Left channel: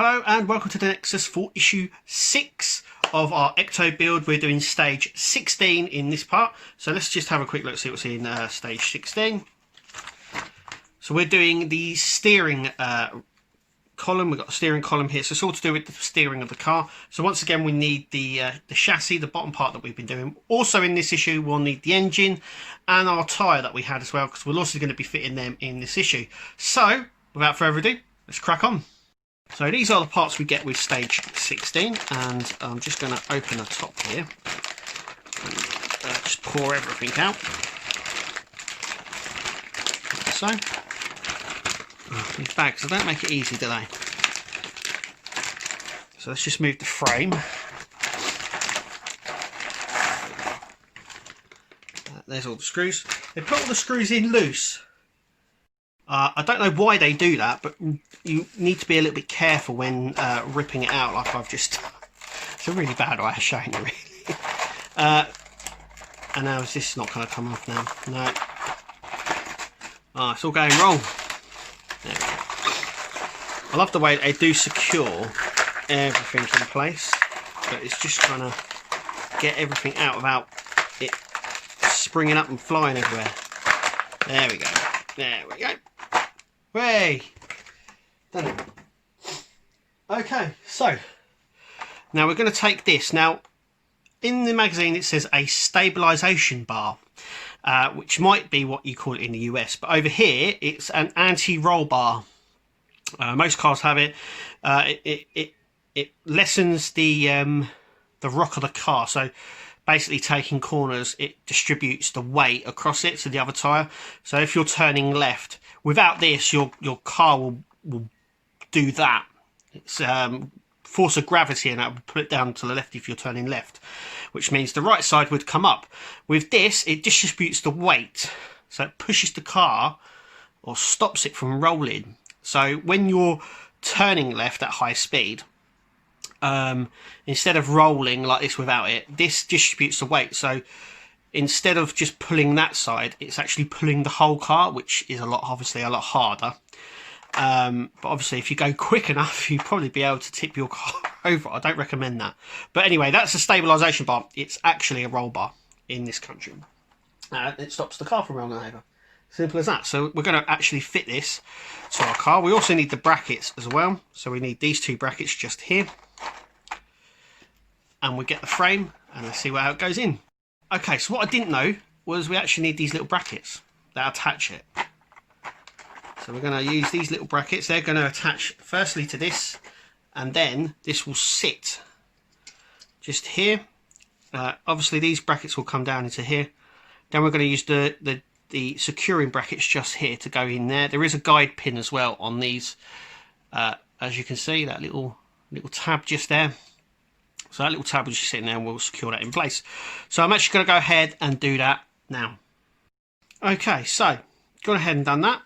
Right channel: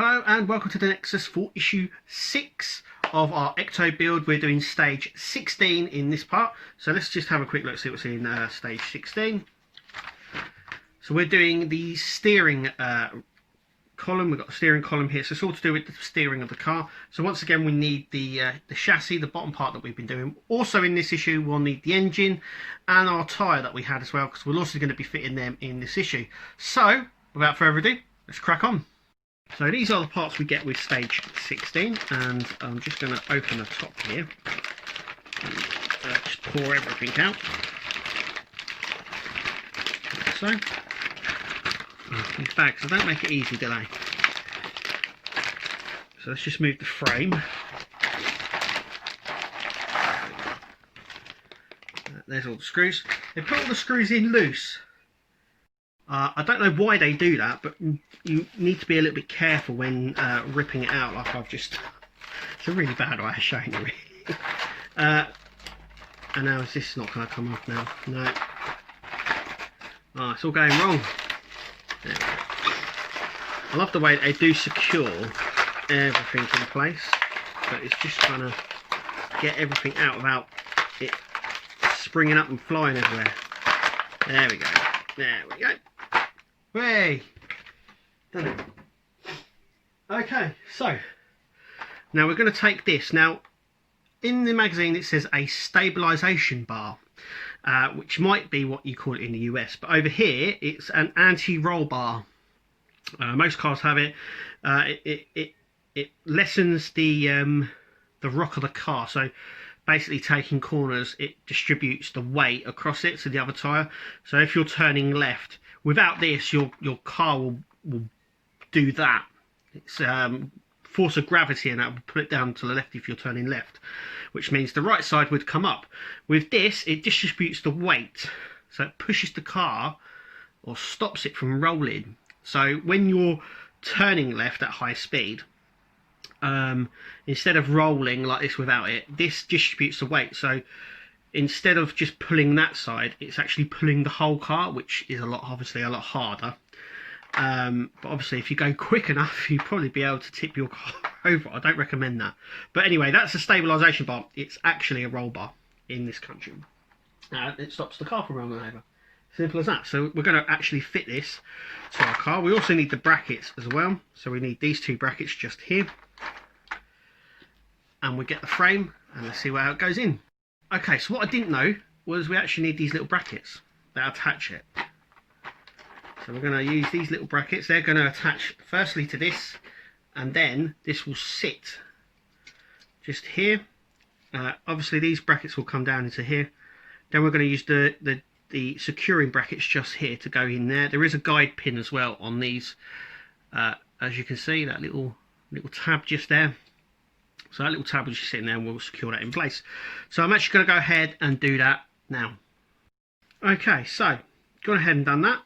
Hello and welcome to the Nexus for issue 6 of our Ecto build. We're doing stage 16 in this part. So let's just have a quick look, see what's in stage 16. So we're doing the steering column. We've got a steering column here. So it's all to do with the steering of the car. So once again, we need the chassis, the bottom part that we've been doing. Also in this issue, we'll need the engine and our tyre that we had as well, because we're also going to be fitting them in this issue. So without further ado, let's crack on. So these are the parts we get with stage 16, and I'm just going to open the top here and just pour everything out, like so. Oh, these bags, they don't make it easy, do they? So let's just move the frame. There's all the screws. They put all the screws in loose. I don't know why they do that, but you need to be a little bit careful when ripping it out, like I've just... It's a really bad way of showing you, really. And now is this not going to come off now? No. Oh, it's all going wrong. There we go. I love the way they do secure everything in place, but it's just trying to get everything out without it springing up and flying everywhere. There we go. There we go. Way done it. Okay, so now we're going to take this. Now in the magazine it says a stabilization bar, which might be what you call it in the US, but over here it's an anti-roll bar. Most cars have it. It lessens the rock of the car, so basically taking corners, it distributes the weight across it to the other tyre. So if you're turning left, without this, your car will do that. It's force of gravity, and that will put it down to the left if you're turning left, which means the right side would come up. With this, it distributes the weight, so it pushes the car or stops it from rolling. So when you're turning left at high speed, instead of rolling like this without it, this distributes the weight. So instead of just pulling that side, it's actually pulling the whole car, which is obviously a lot harder. But obviously if you go quick enough, you'll probably be able to tip your car over. I don't recommend that. But anyway, that's a stabilization bar. It's actually a roll bar in this country. It stops the car from rolling over. Simple as that. So we're going to actually fit this to our car. We also need the brackets as well. So we need these two brackets just here. And we get the frame, and let's see how it goes in. Okay, so what I didn't know was we actually need these little brackets that attach it. So we're going to use these little brackets. They're going to attach firstly to this, and then this will sit just here. Obviously these brackets will come down into here. Then we're going to use the securing brackets just here to go in there. There is a guide pin as well on these, as you can see, that little tab just there. So that little tab is just sitting there, and we'll secure that in place. So I'm actually going to go ahead and do that now. Okay, so gone ahead and done that,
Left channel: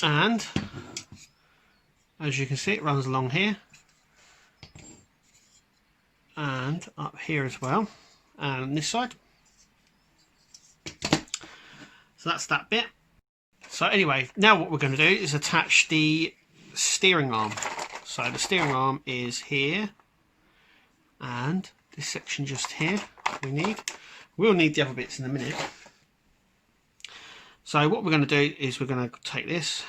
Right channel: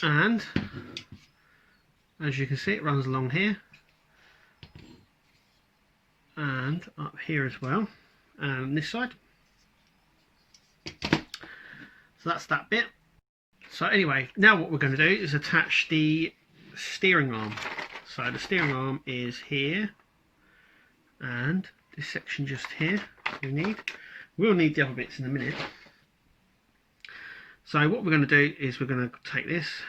and as you can see, it runs along here and up here as well, and this side. So that's that bit. So anyway, now what we're going to do is attach the steering arm. So the steering arm is here, and this section just here we'll need the other bits in a minute. So what we're going to do is we're going to take this,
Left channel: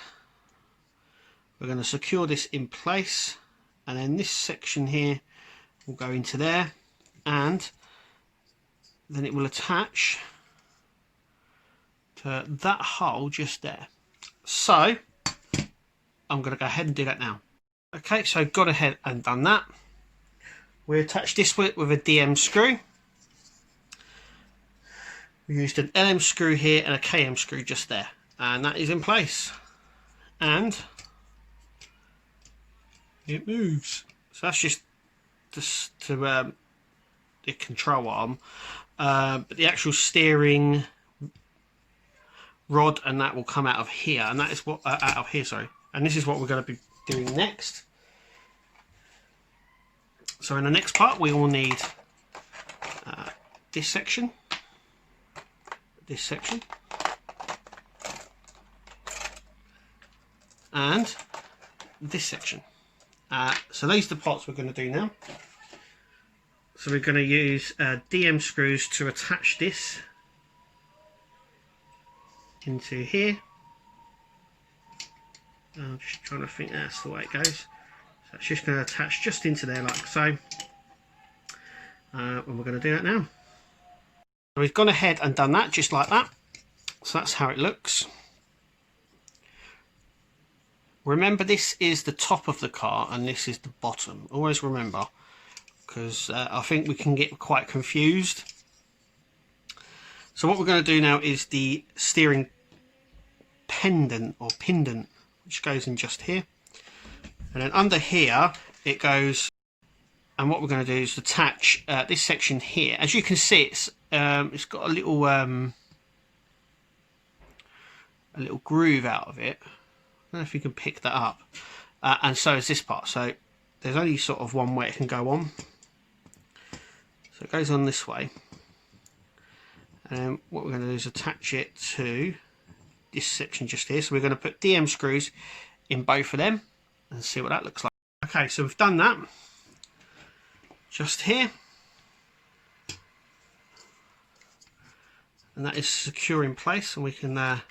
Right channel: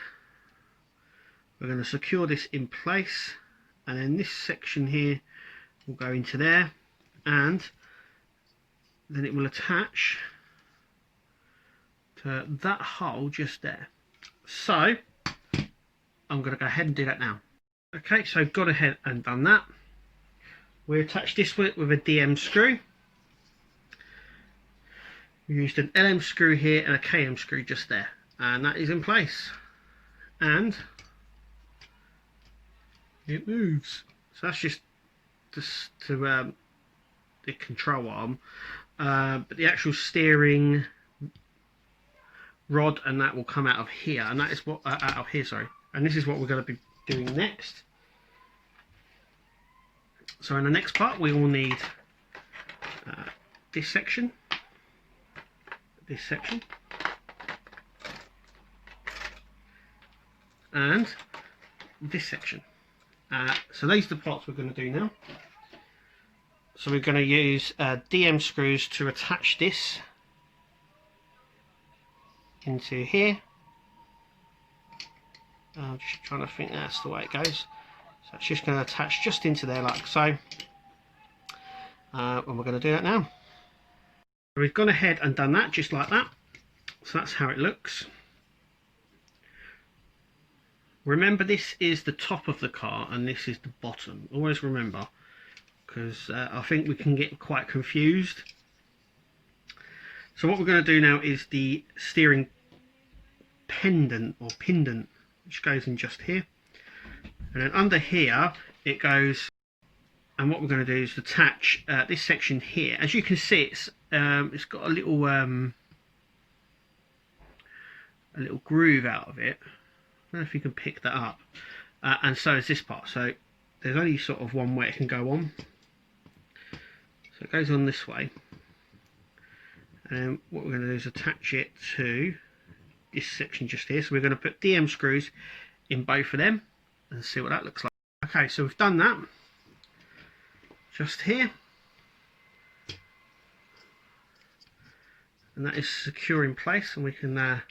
we're going to secure this in place, and then this section here will go into there, and then it will attach to that hole just there. So I'm going to go ahead and do that now. Okay, so gone ahead and done that. We attach this with a DM screw. We used an LM screw here and a KM screw just there, and that is in place, and it moves. So that's just to the control arm, but the actual steering rod and that will come out of here, and that is what out of here, sorry. And this is what we're going to be doing next. So in the next part, we will need this section, and this section. So these are the parts we're going to do now. So we're going to use DM screws to attach this into here. I'm just trying to think that's the way it goes. So it's just going to attach just into there like so. And we're going to do that now. So we've gone ahead and done that just like that. So that's how it looks. Remember, this is the top of the car and this is the bottom. Always remember, because I think we can get quite confused. So what we're going to do now is the steering pendant, which goes in just here. And then under here it goes, and what we're going to do is attach this section here. As you can see, it's got a little groove out of it. I don't know if you can pick that up, and so is this part. So there's only sort of one way it can go on. So it goes on this way, and what we're going to do is attach it to this section just here. So we're going to put DM screws in both of them and see what that looks like. Okay, so we've done that just here, and that is secure in place, and we can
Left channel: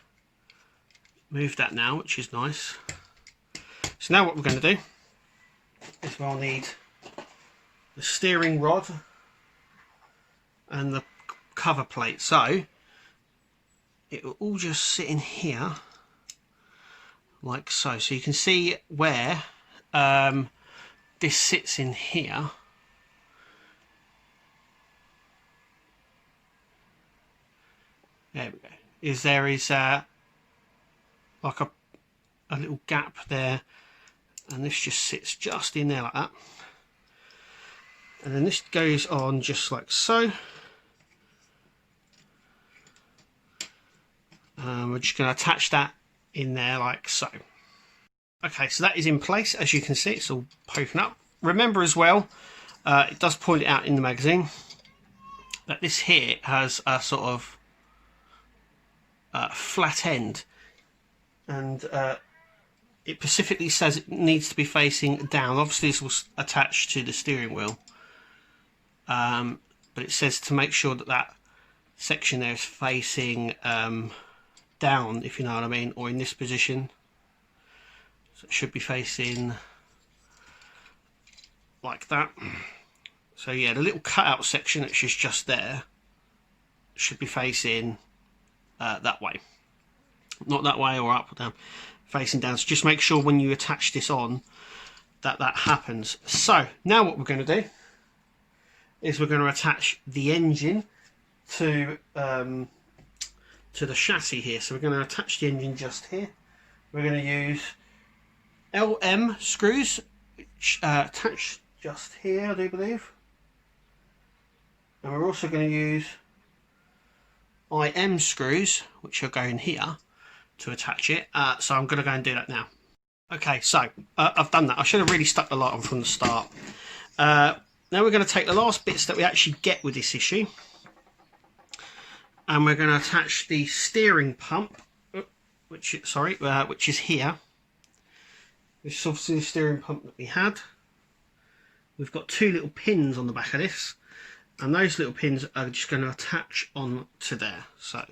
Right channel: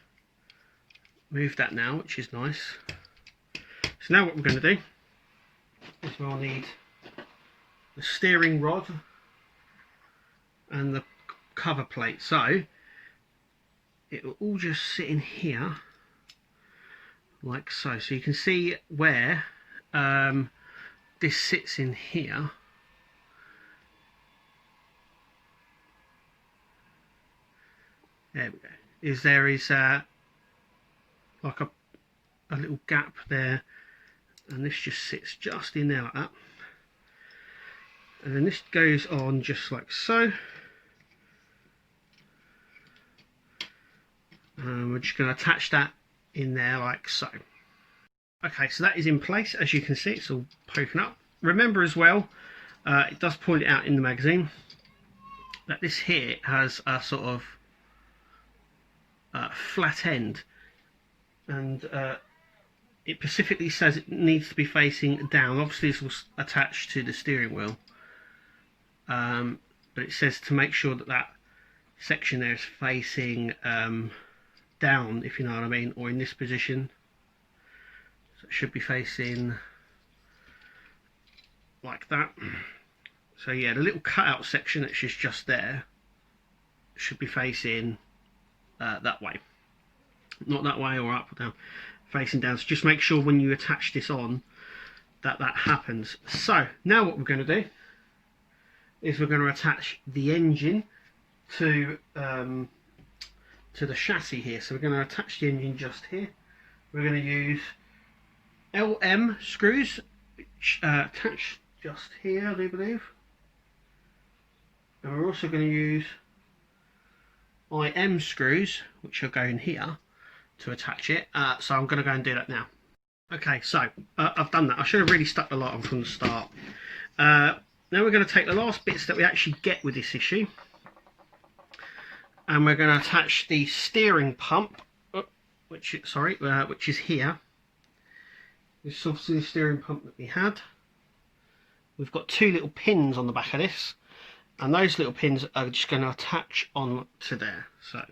move that now, which is nice. So now what we're going to do is we'll need the steering rod and the cover plate. So it will all just sit in here like so. So you can see where this sits in here. There we go. There is like a little gap there, and this just sits just in there like that, and then this goes on just like so. We're just going to attach that in there like so. Okay, so that is in place. As you can see, it's all poking up. Remember as well, it does point out in the magazine that this here has a sort of flat end, and it specifically says it needs to be facing down. Obviously this was attached to the steering wheel, but it says to make sure that that section there is facing down, if you know what I mean, or in this position. So it should be facing like that. So yeah, the little cutout section which is just there should be facing that way, not that way or up or down, facing down. So just make sure when you attach this on that that happens. So now what we're going to do is we're going to attach the engine to the chassis here. So we're going to attach the engine just here. We're going to use LM screws which attach just here, I do believe, and we're also going to use IM screws which are going here to attach it. So I'm going to go and do that now. Okay, so I've done that. I should have really stuck the light on from the start. Now we're going to take the last bits that we actually get with this issue, and we're going to attach the steering pump, which is here. This is obviously the steering pump that we had. We've got two little pins on the back of this, and those little pins are just going to attach on to there. So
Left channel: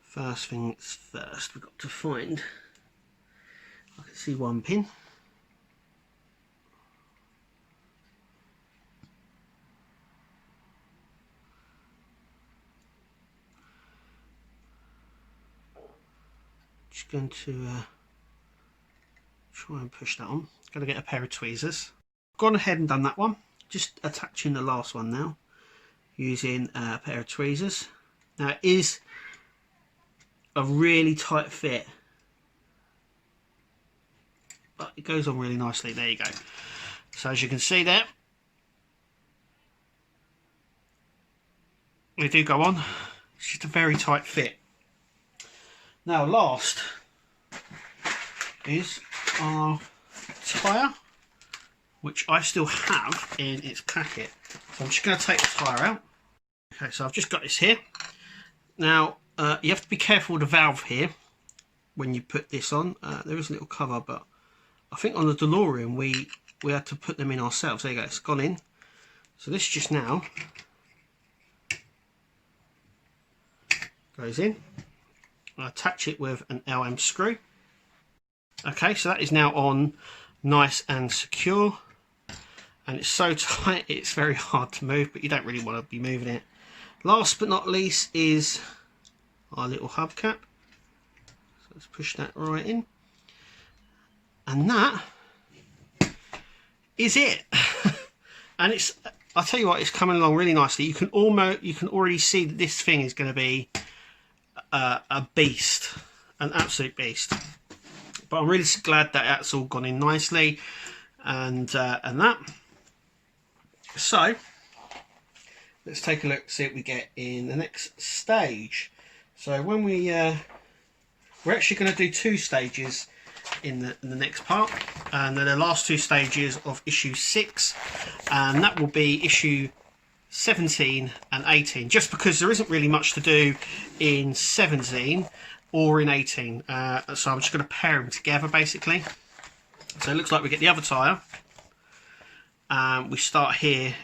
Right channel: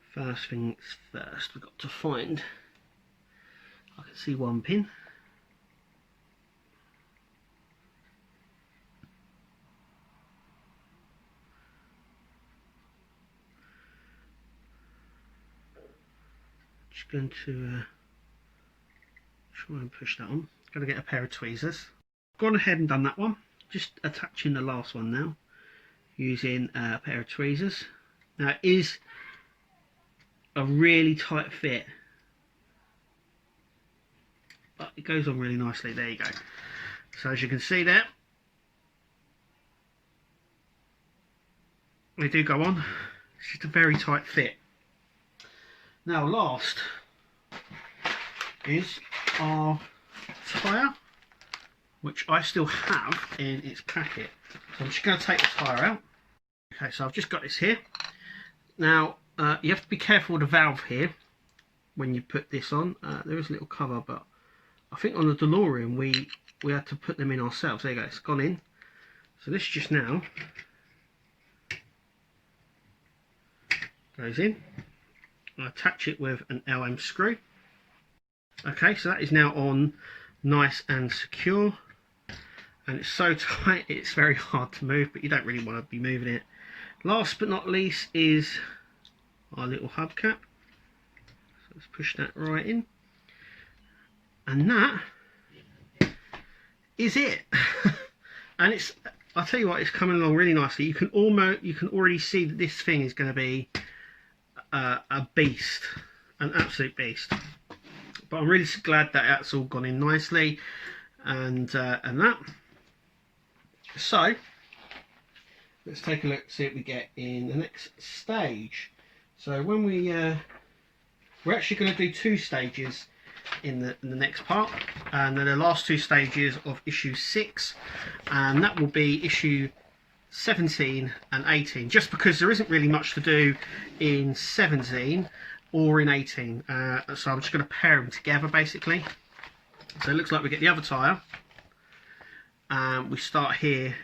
first things first, we've got to find, I can see one pin. Just going to try and push that on. Got to get a pair of tweezers. Gone ahead and done that one. Just attaching the last one now using a pair of tweezers. Now it is a really tight fit, but it goes on really nicely. There you go. So as you can see there, they do go on. It's just a very tight fit. Now last is our tyre, which I still have in its packet. So I'm just going to take the tyre out. Okay, so I've just got this here. Now you have to be careful with the valve here when you put this on. There is a little cover, but I think on the DeLorean we we had to put them in ourselves. There you go, it's gone in. So this just now goes in. I attach it with an LM screw. Okay, so that is now on nice and secure. And it's so tight, it's very hard to move, but you don't really want to be moving it. Last but not least is our little hubcap. So let's push that right in. And that is it. And it's, I'll tell you what, it's coming along really nicely. You can already see that this thing is going to be a beast, an absolute beast. But I'm really glad that that's all gone in nicely, and that. So let's take a look, see what we get in the next stage. So when we're actually going to do 2 stages in the next part, and then the last 2 stages of issue 6, and that will be issue 17 and 18, just because there isn't really much to do in 17 or in 18, so I'm just going to pair them together basically. So it looks like we get the other tyre. We start here.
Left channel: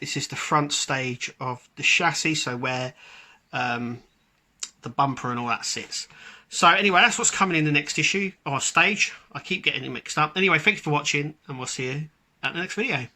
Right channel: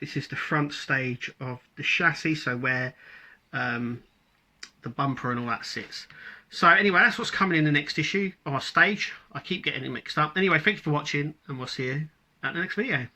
This is the front stage of the chassis, so where the bumper and all that sits. So anyway, that's what's coming in the next issue or stage. I keep getting it mixed up. Anyway, thanks for watching, and we'll see you at the next video.